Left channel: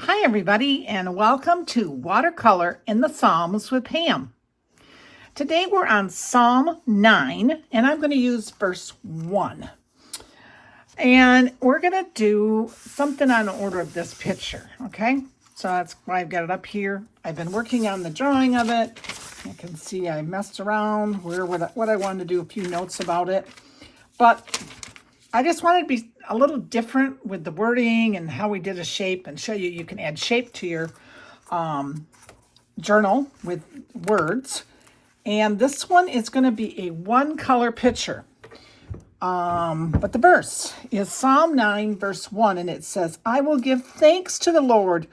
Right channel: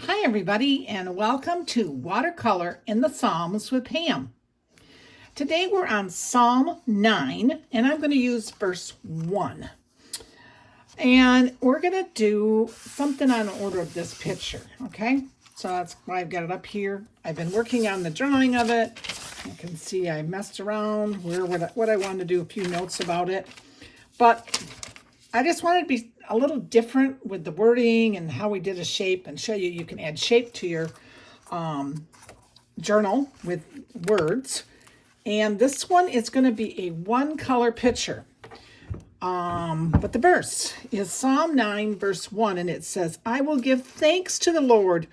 Hi everybody, and welcome to Watercolor in the Psalms with Pam. Today we're on Psalm 9, and I'm going to use verse 1. And we're going to do something on order of this picture, okay? So that's why I've got it up here. I've been working on the drawing of it. You can see I messed around what I wanted to do, a few notes about it. But I just wanted to be a little different with the wording and how we did a shape, and show you can add shape to your journal with words. And this one is going to be a one color picture. But the verse is Psalm 9 verse 1, and it says, "I will give thanks to the Lord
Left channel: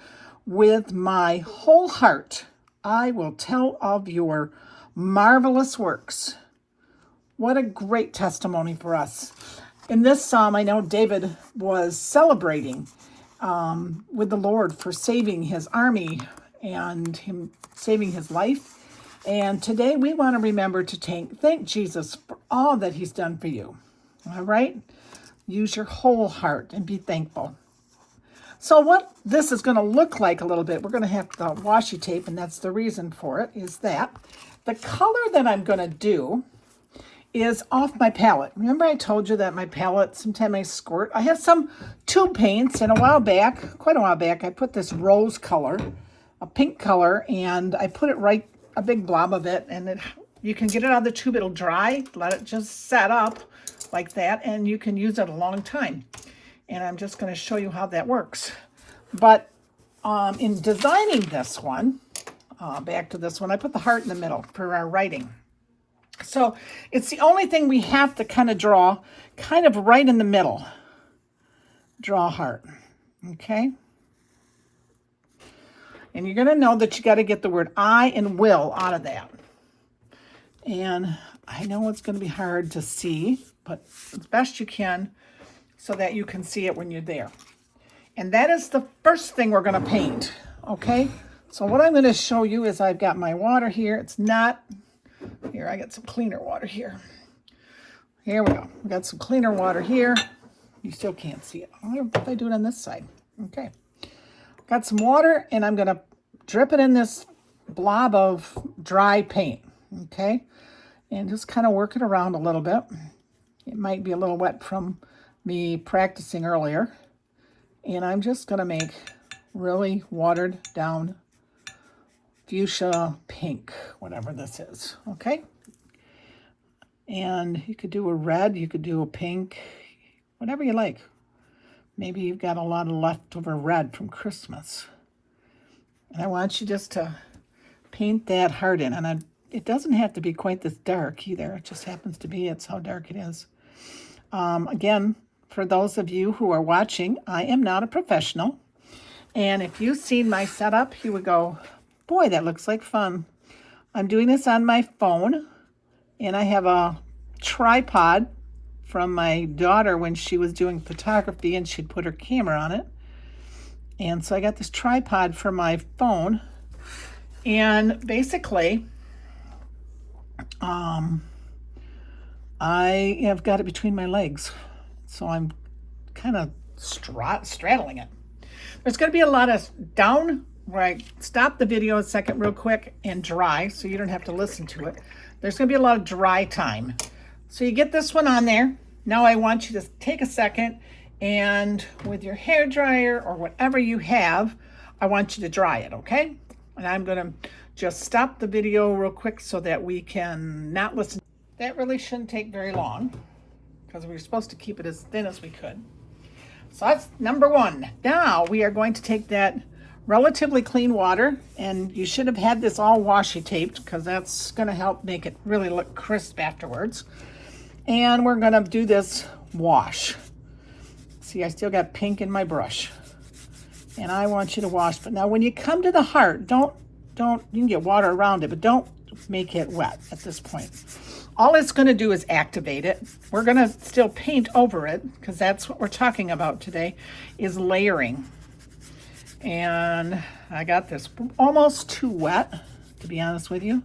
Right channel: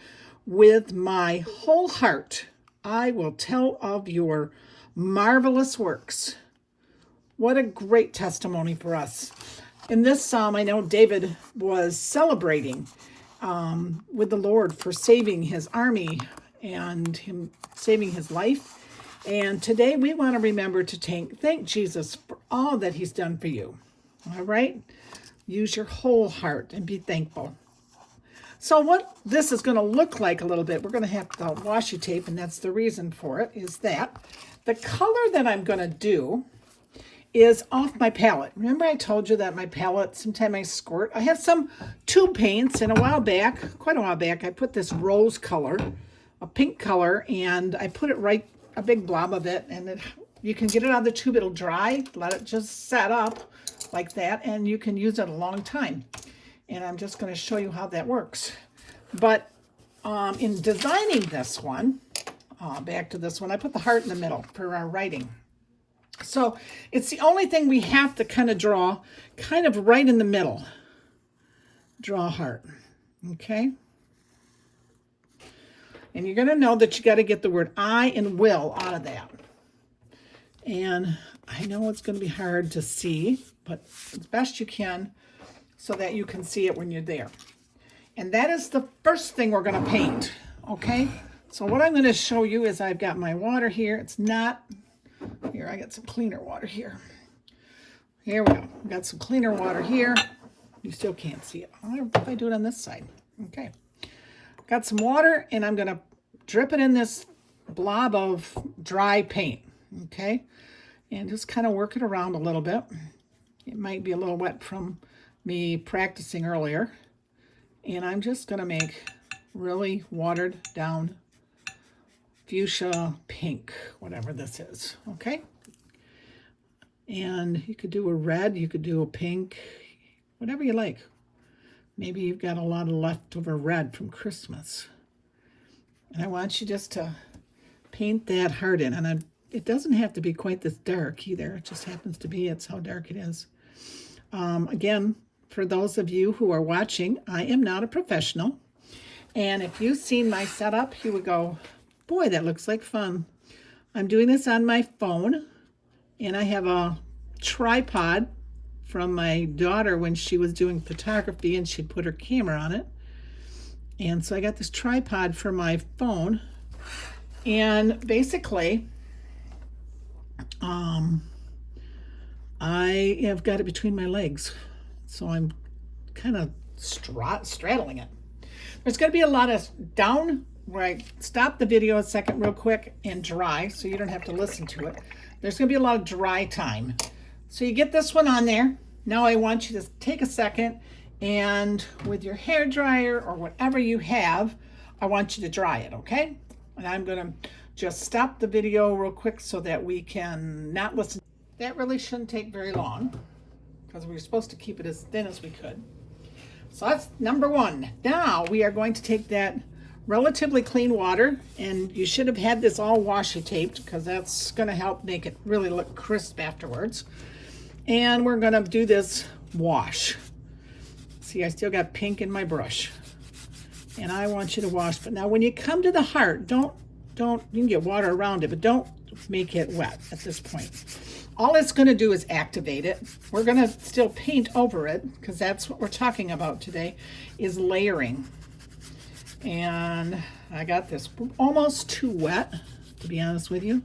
with my whole heart. I will tell of your marvelous works." What a great testimony for us. In this psalm, I know David was celebrating with the Lord for saving his army and him saving his life. And today we want to remember to thank Jesus for all that he's done for you. All right? Use your whole heart and be thankful. So what this is going to look like a little bit, we're going to have the washi tape, and that's the reason for it, is that the color that I'm going to do is off my palette. Remember I told you that my palette, sometimes I squirt. I have some tube paints, and quite a while back, I put this rose color, a pink color, and I put it right, a big blob of it, and you can get it out of the tube, it'll dry, let it just set up like that, and you can use it a long time. And I'm just gonna show you how that works. But in designing this one, back to this one, I put the heart in the middle for our writing. So it's the only thing we have to kind of draw kind of right in the middle. Draw a heart, okay? And you're going to know that you got to get the word I and will out of that. And I know it's going to be hard to see, but as best you can so that you can see it when you're there. And that is the first thing we're going to paint, okay? So what I'm going to show you is I've got my water here. It's not... Here, I got some cleaner water here. Here we go. We got some cleaner water here. You still can't see it. If I do it on this side. Okay. Got some water, and I'm going to drip it in this blob of dry paint. Okay. And just kind of work it around a little bit. It might be a little wet from me practicing earlier. And I'm just going to make really watered down fuchsia pink, whatever this is, okay? And you could do a red, you could do a pink, whatever you like. Maybe you've got a lot of leftover red from Christmas. And I want you just to paint that heart in. And it doesn't have to be quite this dark either. It just happens to be, it's how dark it is. Again, for those of you who are watching, I am not a professional. And if you've seen my setup, you would go, boy, that looks like fun. I'm doing this on my phone, and I have a tripod from my daughter when she was doing photography, and she'd put her camera on it. And so I got this tripod for my phone, and basically, I have got it between my legs, so I'm kind of straddling it. There's going to be a lot of down where I stop the video a second real quick and dry, so you don't have to listen to it. There's going to be a lot of dry time. So you get this one on there. Now I want you to take a second, and with your hair dryer or whatever you have, I want you to dry it, okay? And I'm going to just stop the video real quick so that we can not listen. That really shouldn't take very long because we were supposed to keep it as thin as we could. So that's number one. Now we are going to take that relatively clean water, and you should have had this all washi taped because that's going to help make it really look crisp afterwards. And we're going to do this wash. See, I still got pink in my brush, and I want you to wash. But now when you come to the heart, don't you can get water around it, but don't make it wet at this point. All it's going to do is activate it. We're going to still paint over it because that's what we're talking about today, is layering. And I got this almost too wet, to be honest with you,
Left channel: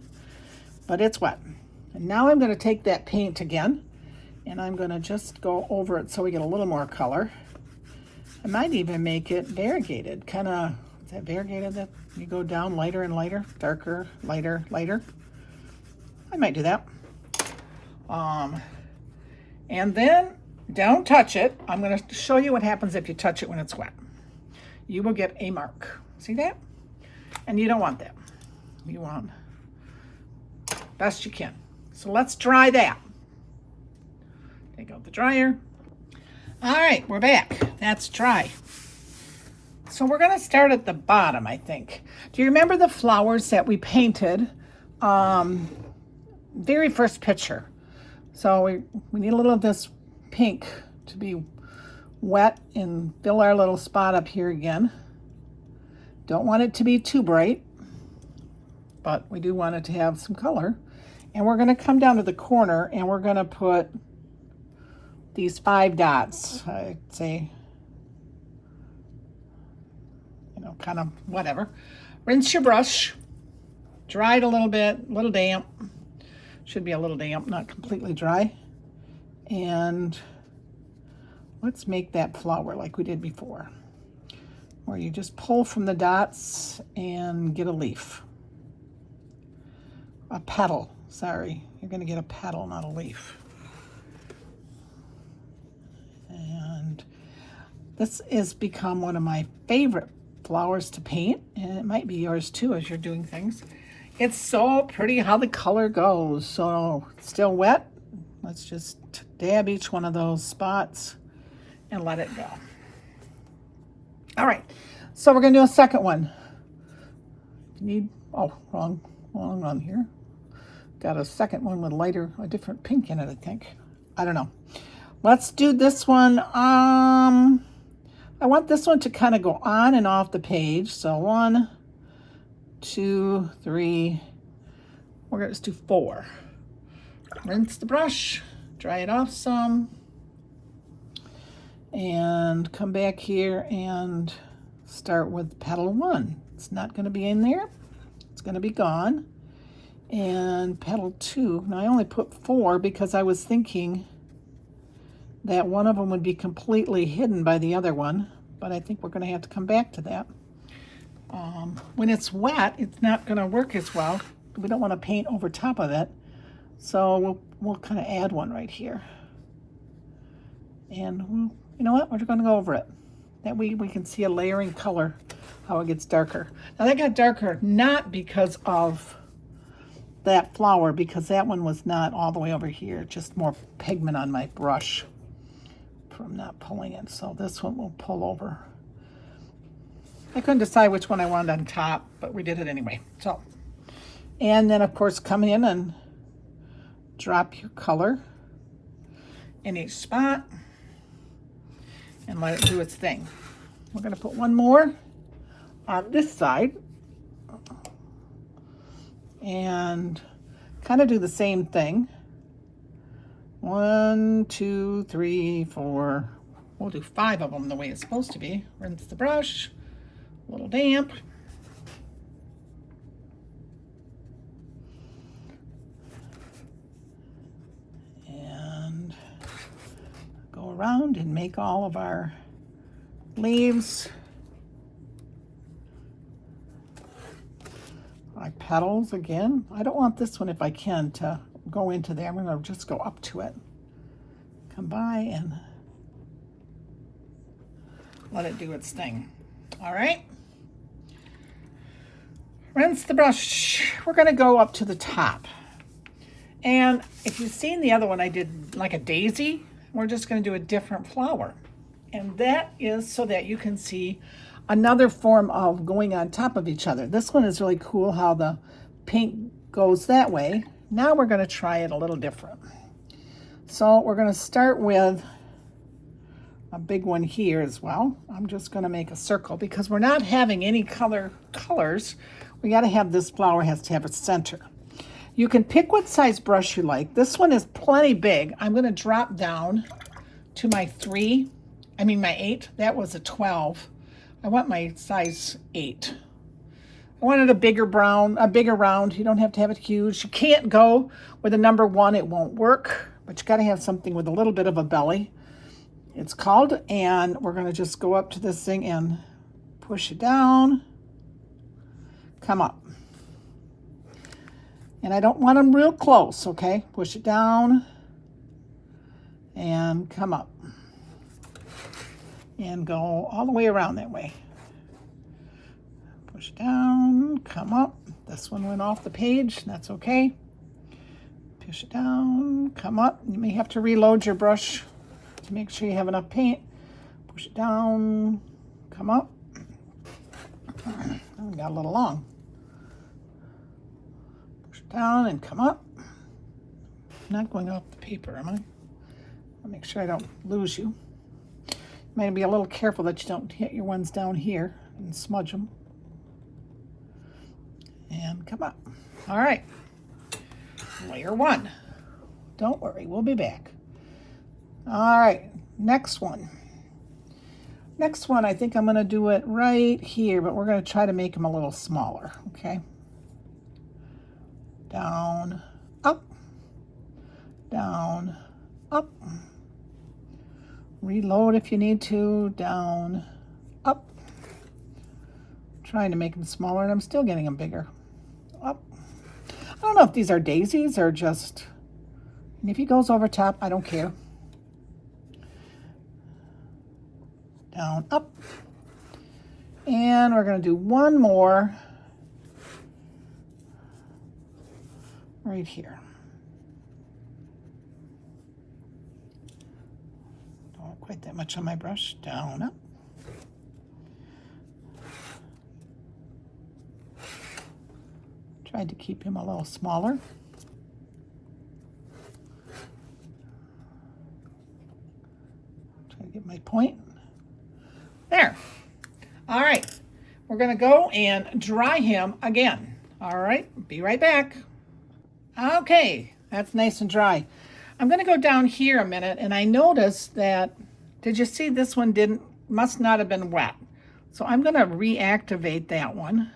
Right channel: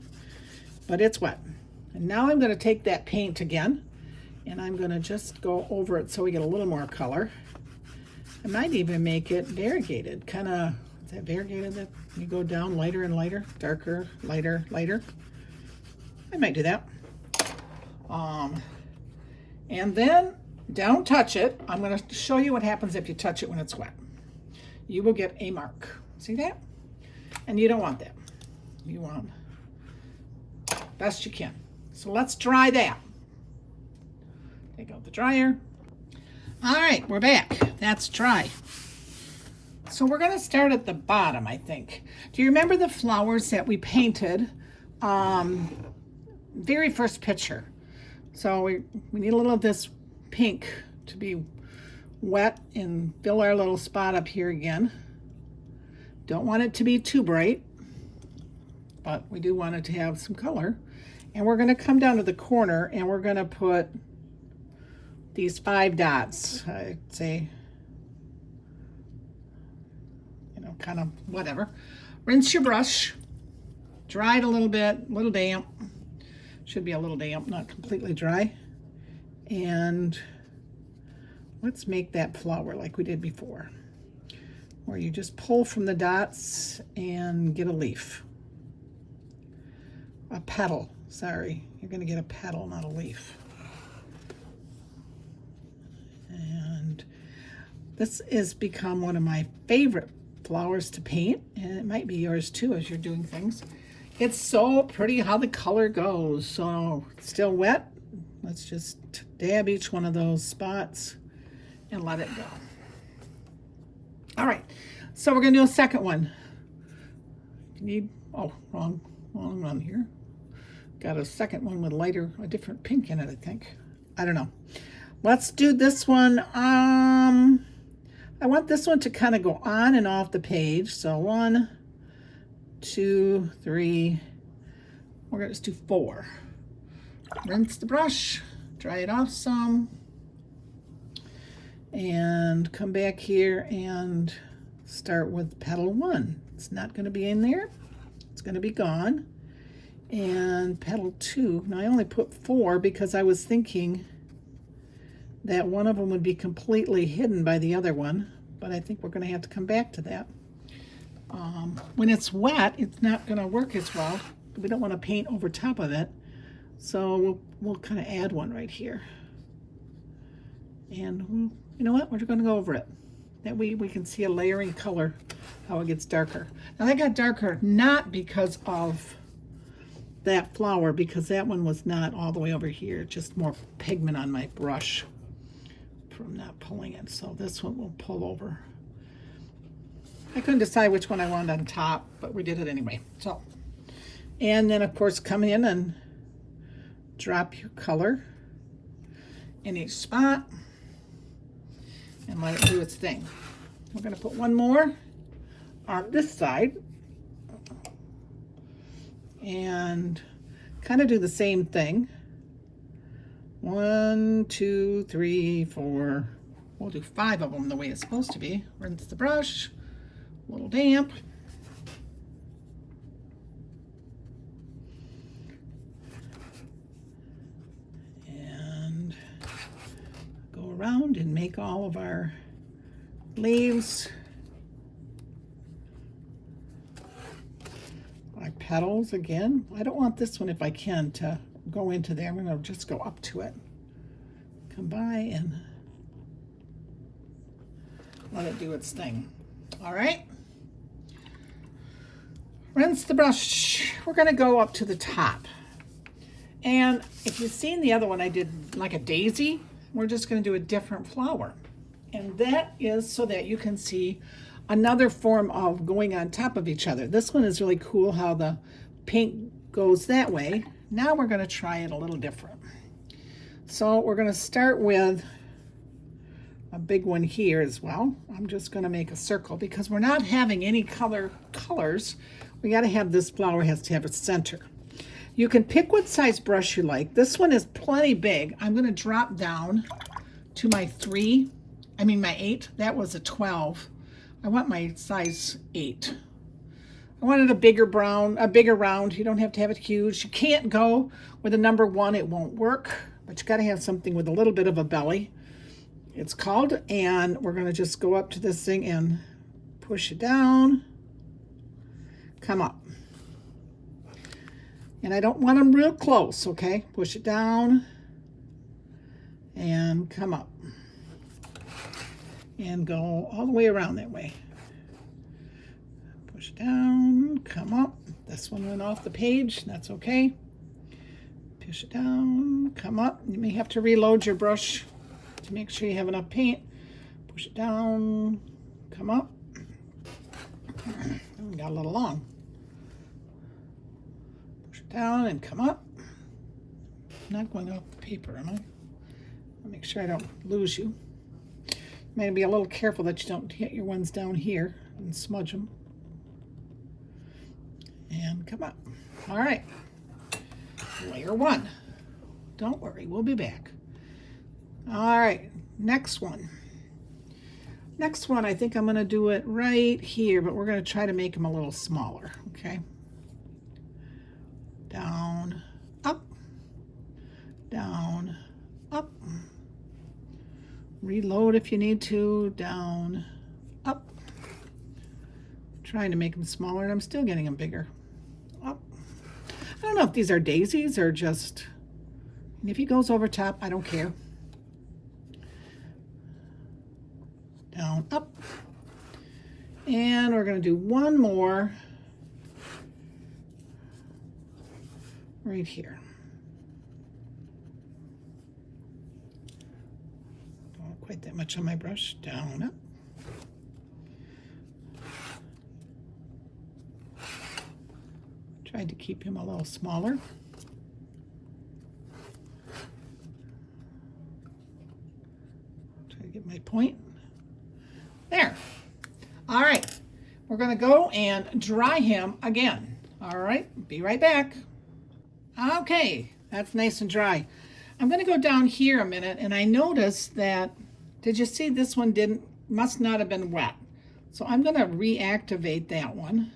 but it's wet. And now I'm going to take that paint again, and I'm going to just go over it so we get a little more color. I might even make it variegated, kind of Is that variegated? That you go down lighter and lighter, darker, lighter, lighter. I might do that. And then don't touch it. I'm going to show you what happens if you touch it when it's wet. You will get a mark. See that? And you don't want that. You want best you can. So let's dry that. Take out the dryer. All right, we're back. That's dry. So we're going to start at the bottom, I think. Do you remember the flowers that we painted? Very first picture. So we need a little of this pink to be wet and fill our little spot up here again. Don't want it to be too bright, but we do want it to have some color. And we're going to come down to the corner and we're going to put these 5 dots. I'd say, you know, kind of whatever. Rinse your brush, dry it a little bit, a little damp. Should be a little damp, not completely dry. And let's make that flower like we did before, where you just pull from the dots and get a leaf. A petal, sorry. You're gonna get a petal, not a leaf. And this has become one of my favorite flowers to paint, and it might be yours too as you're doing things. It's so pretty how the color goes. So still wet. Let's just dab each one of those spots and let it go. All right, so we're gonna do a second one. You need, oh, wrong one here. Got a second one with a different pink in it, I think. I don't know. Let's do this one. I want this one to kind of go on and off the page. So 1, 2, 3, we're gonna just do 4. Rinse the brush, dry it off some, and come back here and start with petal 1. It's not gonna be in there, it's gonna be gone. And petal 2, now I only put 4 because I was thinking that one of them would be completely hidden by the other one, but I think we're gonna have to come back to that. When it's wet, it's not going to work as well. We don't want to paint over top of it, so we'll kind of add one right here. And you know what? We're going to go over it. That way we can see a layering color, how it gets darker. Now that got darker not because of that flower, because that one was not all the way over here, just more pigment on my brush from not pulling it. So this one will pull over. I couldn't decide which one I wanted on top, but we did it anyway. So, and then of course come in and drop your color in each spot and let it do its thing. We're going to put one more on this side and kind of do the same thing. 1, 2, 3, 4. We'll do 5 of them the way it's supposed to be. Rinse the brush. A little damp. And go around and make all of our leaves, our petals again. I don't want this one, if I can, to go into there. I'm going to just go up to it. Come by and let it do its thing. All right. Rinse the brush. We're going to go up to the top. And if you've seen the other one, I did like a daisy. We're just going to do a different flower. And that is so that you can see another form of going on top of each other. This one is really cool how the pink goes that way. Now we're going to try it a little different. So we're going to start with a big one here as well. I'm just going to make a circle because we're not having any colors. We got to have this flower has to have a center. You can pick what size brush you like. This one is plenty big. I'm going to drop down to my 8. That was a 12. I want my size 8. I wanted a bigger round. You don't have to have it huge. You can't go with a number 1. It won't work, but you got to have something with a little bit of a belly. It's called, and we're going to just go up to this thing and push it down. come up. And I don't want them real close, okay? Push it down and come up. And go all the way around that way. Push down, come up. This one went off the page, that's okay. Push it down, come up. You may have to reload your brush to make sure you have enough paint. Push it down, come up. Got a little long. Push it down and come up. I'm not going off the paper, am I? I'll make sure I don't lose you. You might be a little careful that you don't hit your ones down here and smudge them. And come up. All right. Layer 1. Don't worry, we'll be back. All right, next one. Next one, I think I'm going to do it right here, but we're going to try to make them a little smaller, okay? Down, up, down, up. Reload if you need to, down, up. Trying to make them smaller, and I'm still getting them bigger. Up. I don't know if these are daisies or just, and if he goes over top, I don't care. Down, up. And we're going to do one more right here. Don't want quite that much on my brush. Down, up. Tried to keep him a little smaller. Try to get my point. There. All right. We're going to go and dry him again. All right. Be right back. Okay. That's nice and dry. I'm going to go down here a minute, and I noticed that, did you see this one must not have been wet. So I'm going to reactivate that one.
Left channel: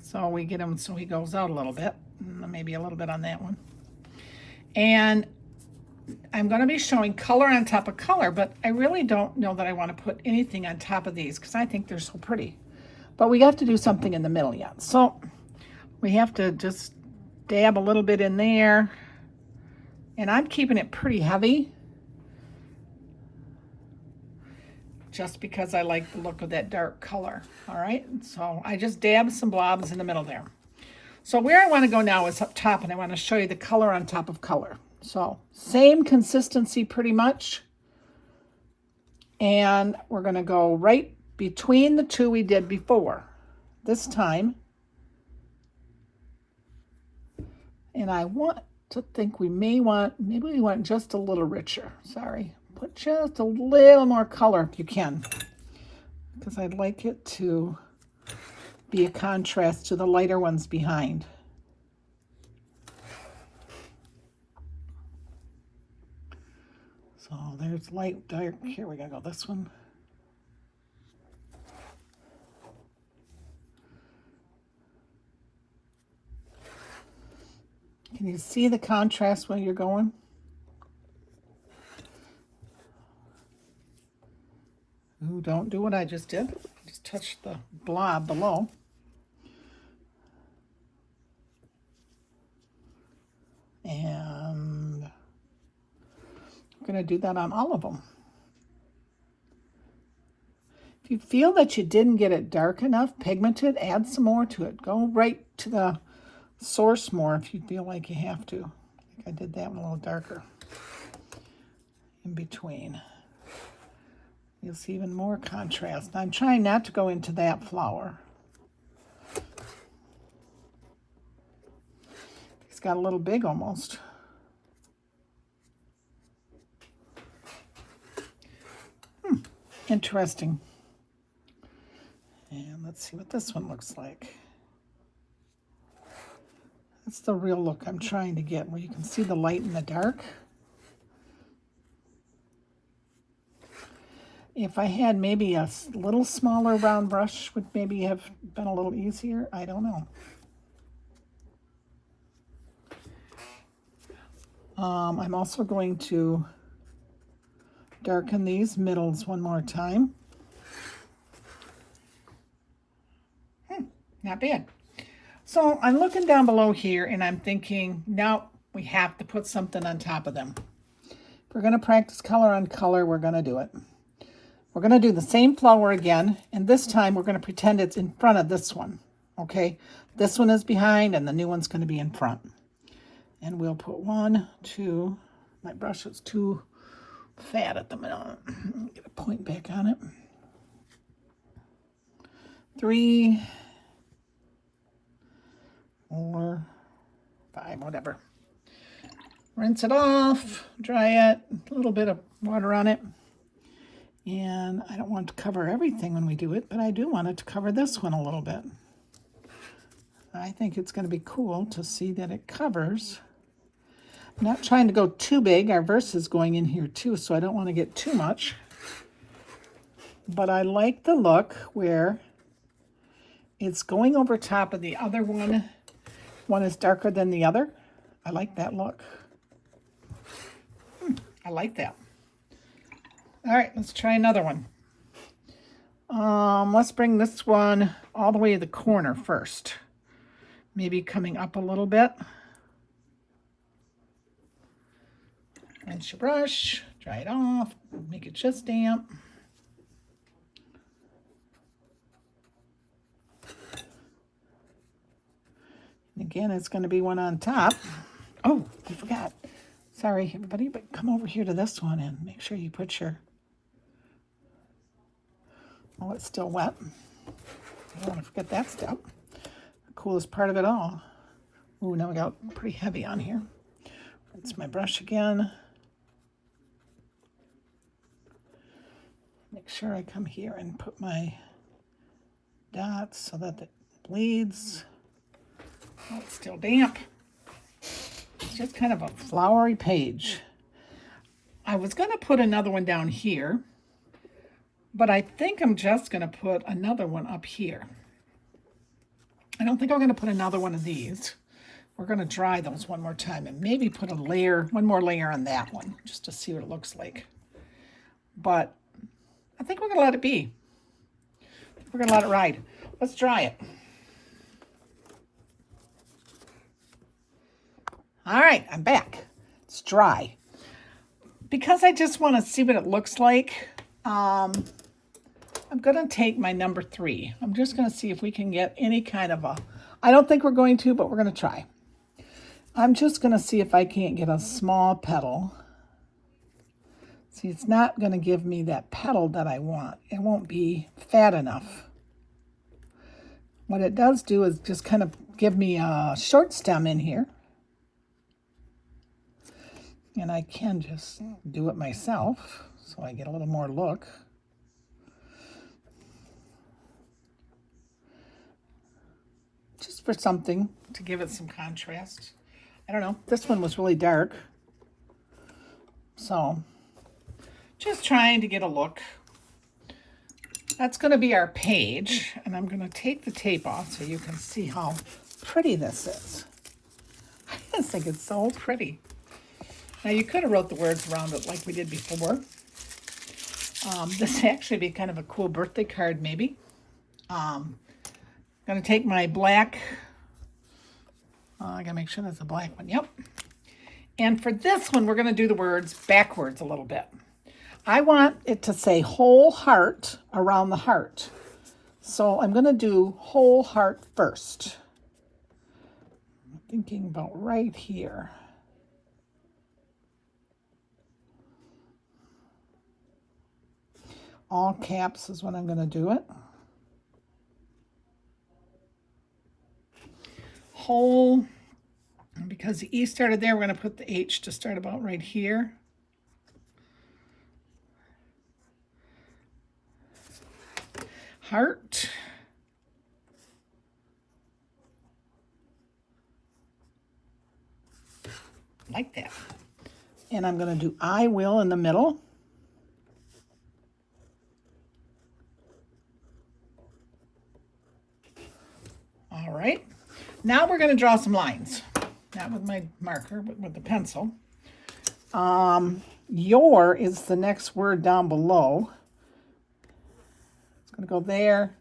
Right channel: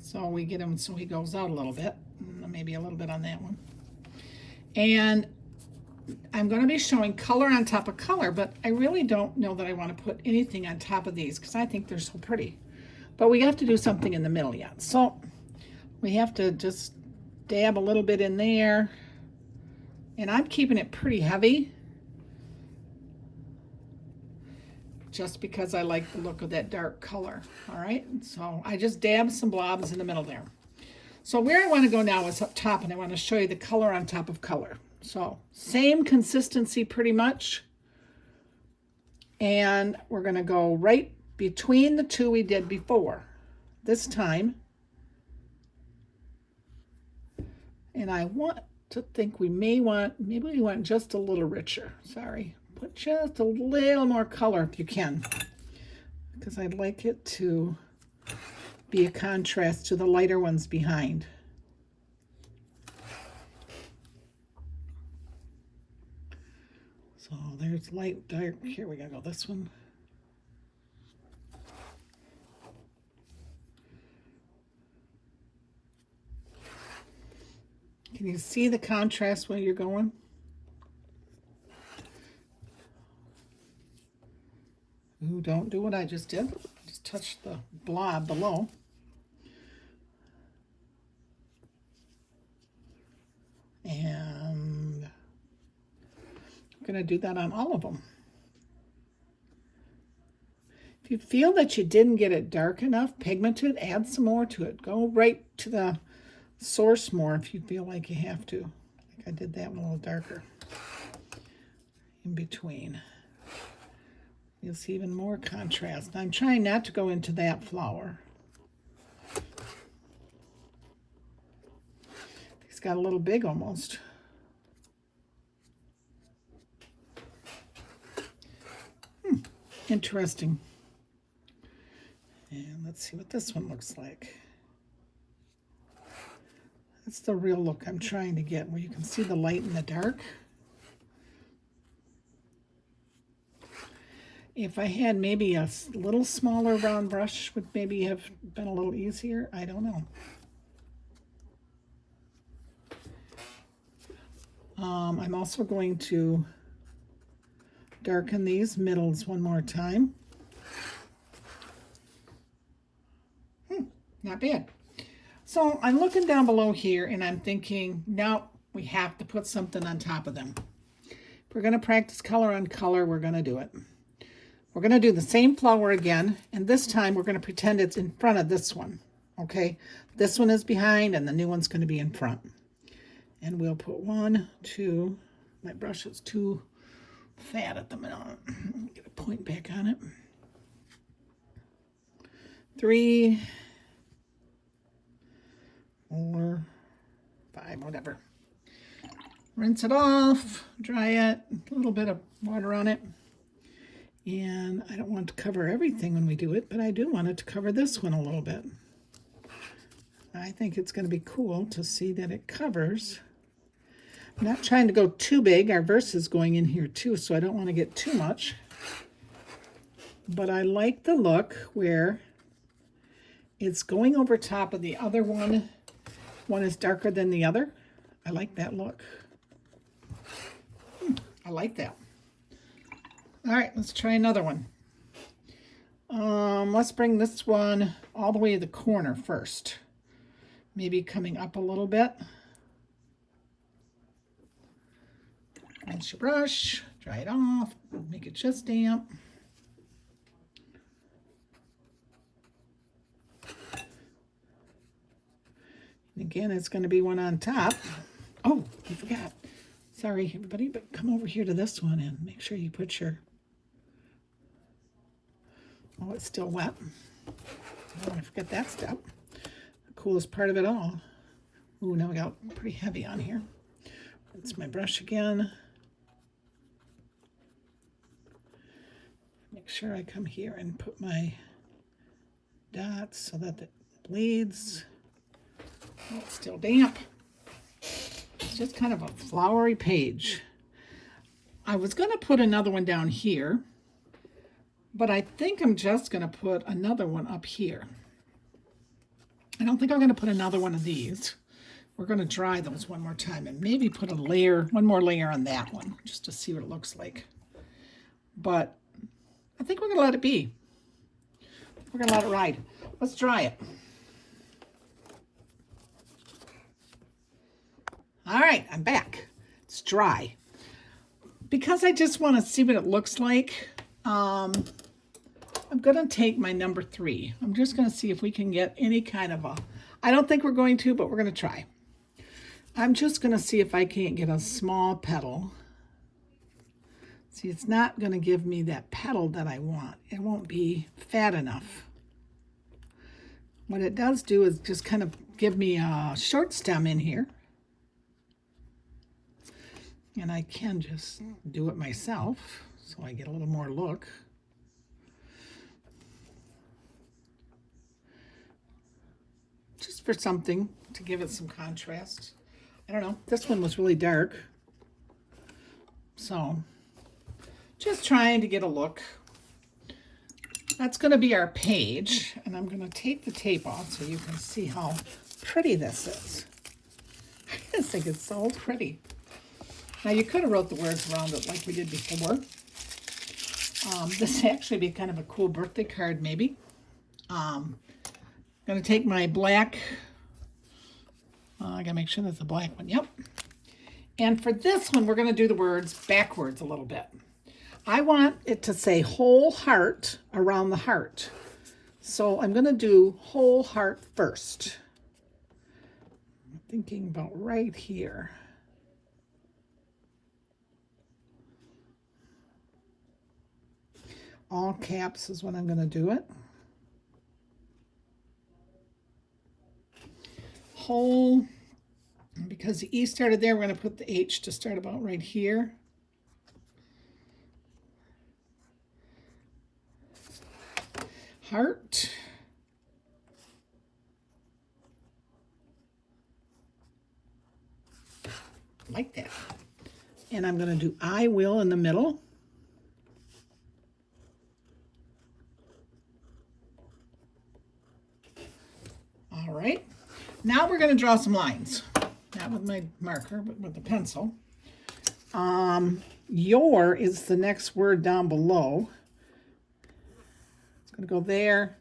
So we get him so he goes out a little bit, maybe a little bit on that one. And I'm going to be showing color on top of color, but I really don't know that I want to put anything on top of these because I think they're so pretty. But we have to do something in the middle yet. So we have to just dab a little bit in there. And I'm keeping it pretty heavy, just because I like the look of that dark color. All right, so I just dabbed some blobs in the middle there. So where I want to go now is up top, and I want to show you the color on top of color. So same consistency pretty much. And we're going to go right between the two we did before this time. And I want to think maybe we want just a little richer. Sorry. Put just a little more color if you can, because I'd like it to be a contrast to the lighter ones behind. So there's light, dark. Here we go, this one. Can you see the contrast where you're going? Ooh, don't do what I just did. Just touch the blob below. And I'm going to do that on all of them. If you feel that you didn't get it dark enough, pigmented, add some more to it. Go right to the source more if you feel like you have to. I think I did that one a little darker in between. You'll see even more contrast. I'm trying not to go into that flower. He's got a little big almost. Interesting. And let's see what this one looks like. That's the real look I'm trying to get, where you can see the light and the dark. If I had maybe a little smaller round brush, would maybe have been a little easier. I don't know. I'm also going to darken these middles one more time. Not bad. So I'm looking down below here and I'm thinking, now we have to put something on top of them. If we're going to practice color on color, we're going to do it. We're going to do the same flower again, and this time we're going to pretend it's in front of this one, okay? This one is behind and the new one's going to be in front. And we'll put 1, 2, my brush is too fat at the minute. Get a point back on it. 3, 4, 5, whatever. Rinse it off, dry it, a little bit of water on it. And I don't want to cover everything when we do it, but I do want it to cover this one a little bit. I think it's going to be cool to see that it covers. I'm not trying to go too big. Our verse is going in here too, so I don't want to get too much. But I like the look where it's going over top of the other one. One is darker than the other. I like that look. I like that. All right, let's try another one. Let's bring this one all the way to the corner first. Maybe coming up a little bit. Rinse your brush, dry it off, make it just damp. And again, it's going to be one on top. Oh, I forgot. Sorry, everybody, but come over here to this one and make sure you put your... Oh, it's still wet. I don't want to forget that step. The coolest part of it all. Oh, now we got pretty heavy on here. Rinse my brush again. Make sure I come here and put my dots so that it bleeds. Oh, it's still damp. It's just kind of a flowery page. I was going to put another one down here, but I think I'm just going to put another one up here. I don't think I'm going to put another one of these. We're going to dry those one more time and maybe put a layer, one more layer on that one, just to see what it looks like. But I think we're going to let it be. We're going to let it ride. Let's dry it. All right, I'm back. It's dry. Because I just want to see what it looks like, I'm going to take my number 3. I'm just going to see if we can get any kind of a... I don't think we're going to, but we're going to try. I'm just going to see if I can't get a small petal. See, it's not going to give me that petal that I want. It won't be fat enough. What it does do is just kind of give me a short stem in here. And I can just do it myself, so I get a little more look. Just for something to give it some contrast. I don't know, this one was really dark. So, just trying to get a look. That's going to be our page, and I'm going to take the tape off so you can see how pretty this is. I just think it's so pretty. Now, you could have wrote the words around it like we did before. This would actually be kind of a cool birthday card, maybe. I'm going to take my black. I got to make sure that's a black one. Yep. And for this one, we're going to do the words backwards a little bit. I want it to say whole heart around the heart. So I'm going to do whole heart first. I'm thinking about right here. All caps is when I'm going to do it. Whole, and because the E started there, we're going to put the H to start about right here. Heart. Like that. And I'm going to do I will in the middle. All right, now we're going to draw some lines. Not with my marker, but with the pencil. Your is the next word down below. It's going to go there.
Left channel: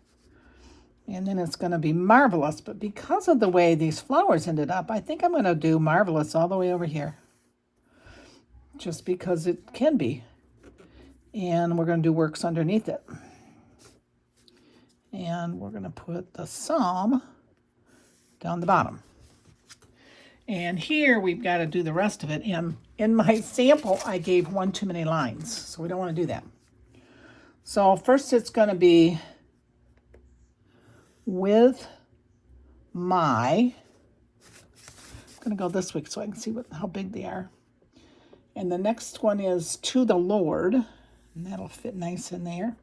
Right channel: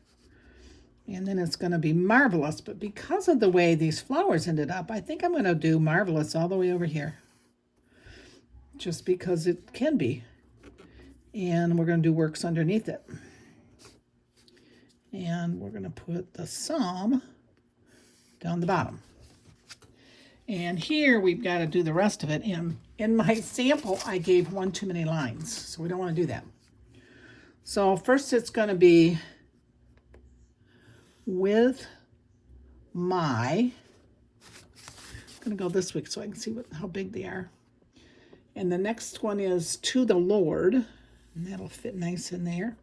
And then it's going to be marvelous. But because of the way these flowers ended up, I think I'm going to do marvelous all the way over here. Just because it can be. And we're going to do works underneath it. And we're going to put the psalm down the bottom. And here we've got to do the rest of it. And in my sample, I gave one too many lines. So we don't want to do that. So first it's going to be with my, I'm going to go this way so I can see how big they are. And the next one is to the Lord, and that'll fit nice in there.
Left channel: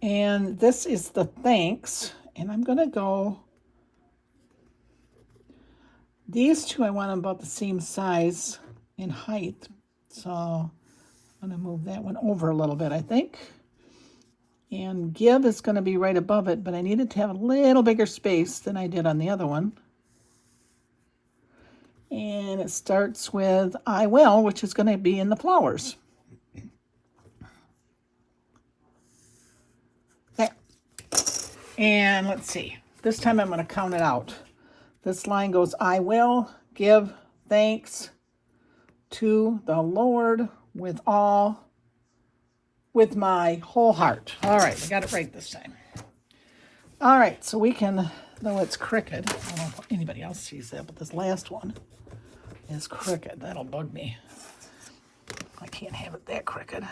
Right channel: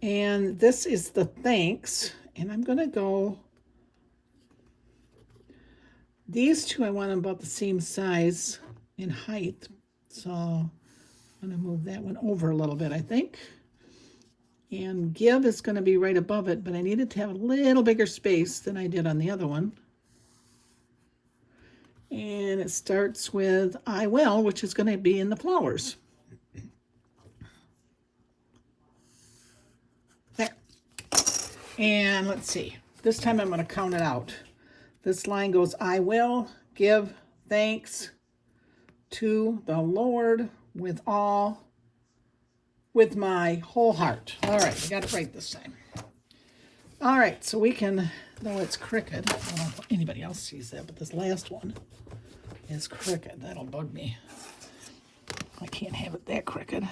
And this is the thanks, and I'm going to go, these two I want them about the same size in height, so I'm going to move that one over a little bit, I think. And give is going to be right above it, but I needed to have a little bigger space than I did on the other one. And it starts with I will, which is going to be in the flowers. There. And let's see. This time I'm going to count it out. This line goes, I will give thanks to the Lord with my whole heart. All right, I got it right this time. All right, so we can, though it's crooked, I don't know if anybody else sees that, but this last one is crooked. That'll bug me. I can't have it that crooked.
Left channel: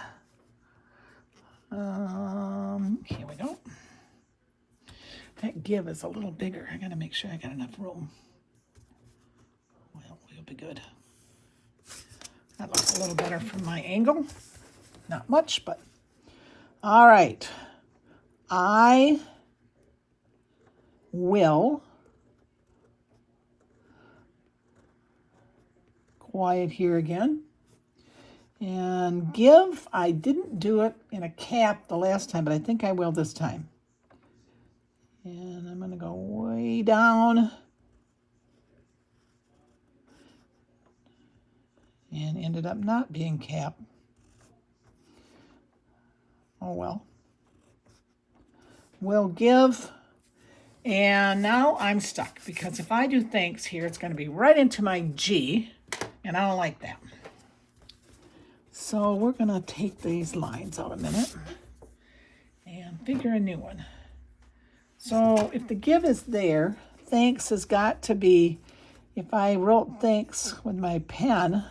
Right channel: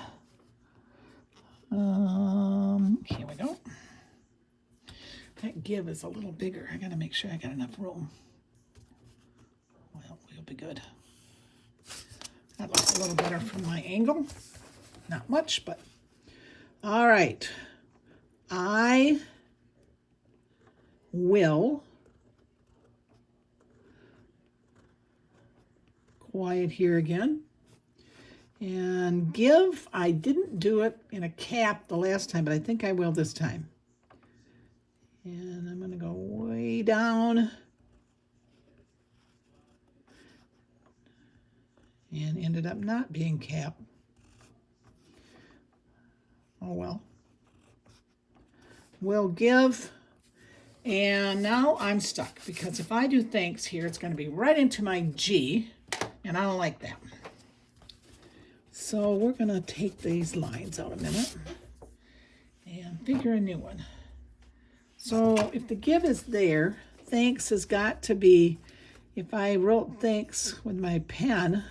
Here we go. That give is a little bigger. I got to make sure I got enough room. Well, we'll be good. That looks a little better from my angle. Not much, but all right. I will, quiet here again, and give. I didn't do it in a cap the last time, but I think I will this time. And I'm going to go way down and ended up not being cap. Oh well. Will give. And now I'm stuck because if I do thanks here, it's going to be right into my G, and I don't like that. So we're going to take these lines out a minute and figure a new one. So if the give is there, thanks has got to be, if I wrote thanks with my pen,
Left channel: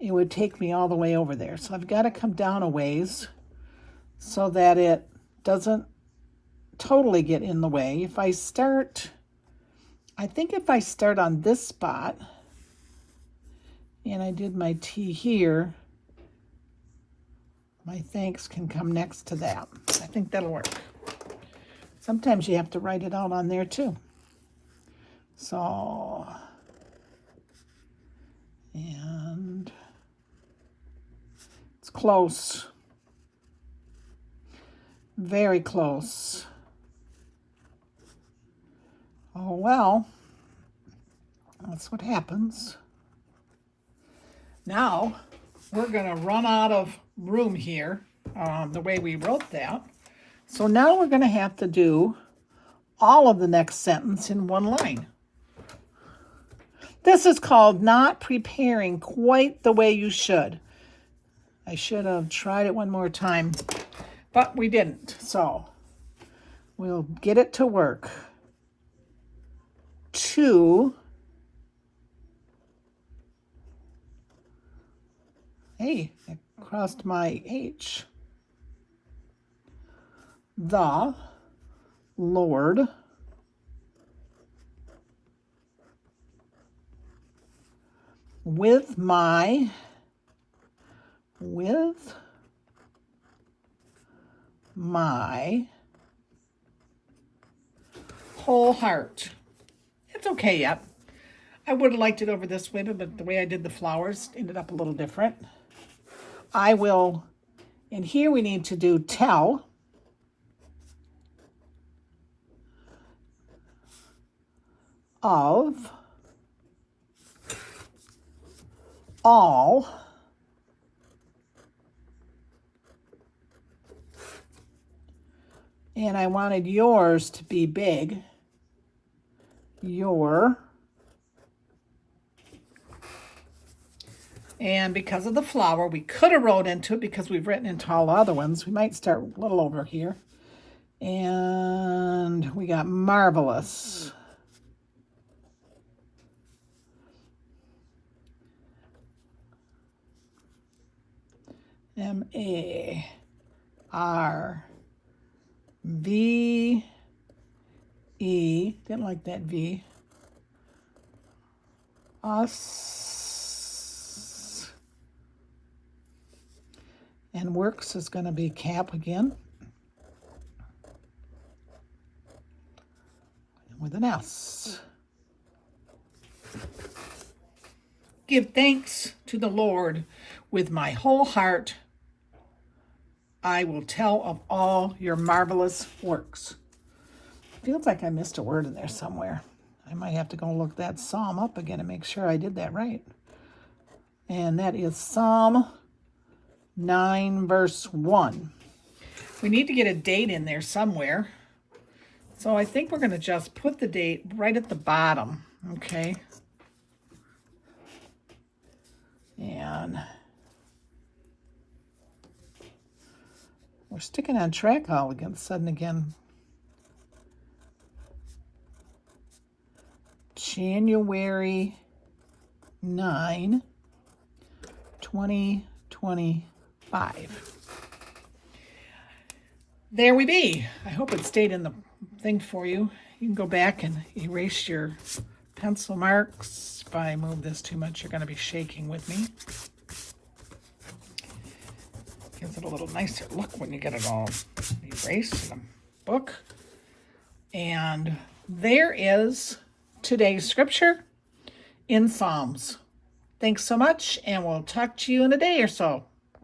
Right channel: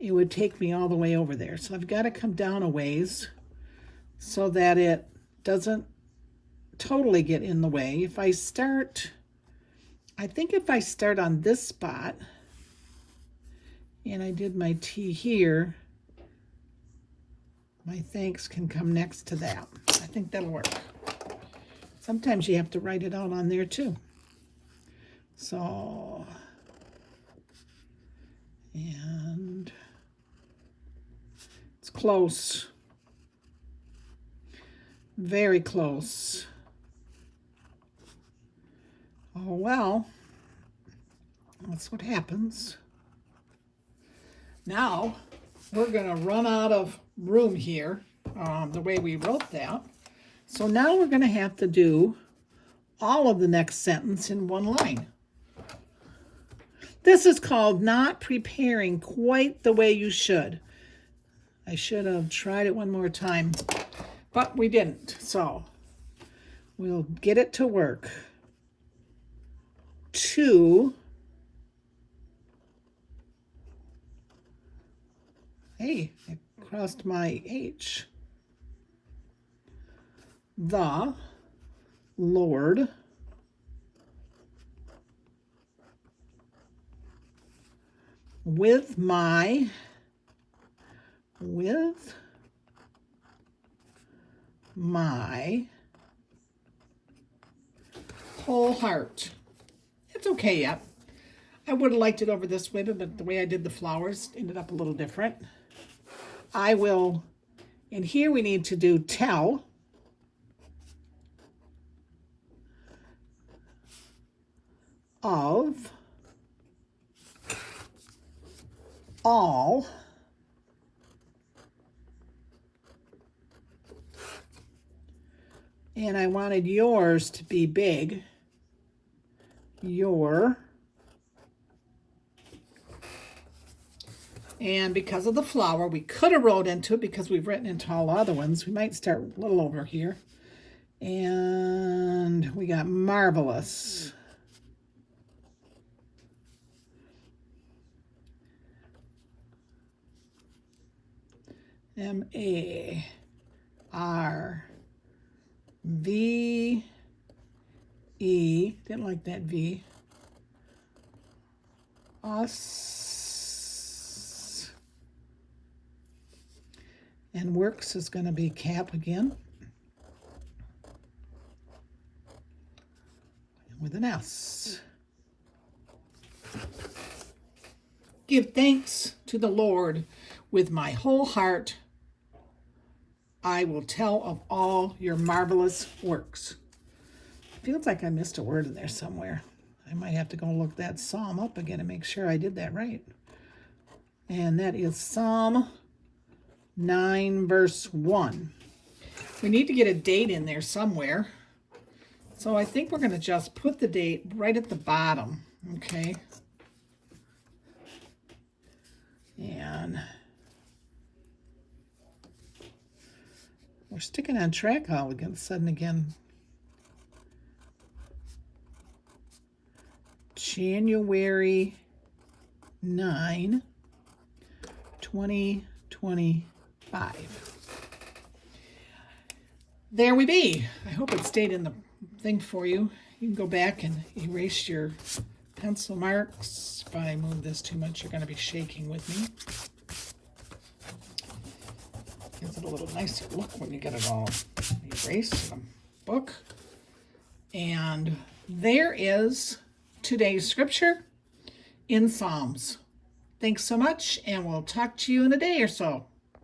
it would take me all the way over there. So I've got to come down a ways so that it doesn't totally get in the way. If I start, I think if I start on this spot and I did my T here, my thanks can come next to that. I think that'll work. Sometimes you have to write it out on there too. So, and it's close. Very close. Oh, well, that's what happens. Now, we're going to run out of room here, the way we wrote that. So now we're going to have to do all of the next sentence in one line. This is called not preparing quite the way you should. I should have tried it one more time, but we didn't. So we'll get it to work. To, hey, I crossed my H. The Lord with my whole heart. It's okay yet. I would have liked it over this way, but the way I did the flowers ended up a little different. I will, and here we need to do tell. Of all And I wanted yours to be big. Your. And because of the flower, we could have wrote into it because we've written into all the other ones. We might start a little over here. And we got marvelous. M-A-R-V-E. Didn't like that V. Us. And works is going to be cap again. With an S. Give thanks to the Lord with my whole heart. I will tell of all your marvelous works. Feels like I missed a word in there somewhere. I might have to go look that psalm up again and make sure I did that right. And that is Psalm 9, verse 1. We need to get a date in there somewhere. So I think we're going to just put the date right at the bottom, okay? And we're sticking on track all of a sudden again. January 9, 2025. There we be. I hope it stayed in the thing for you. You can go back and erase your pencil marks. If I move this too much, you're going to be shaking with me. Gives it a little nicer look when you get it all erased in a book. And there is today's scripture in Psalms. Thanks so much, and we'll talk to you in a day or so.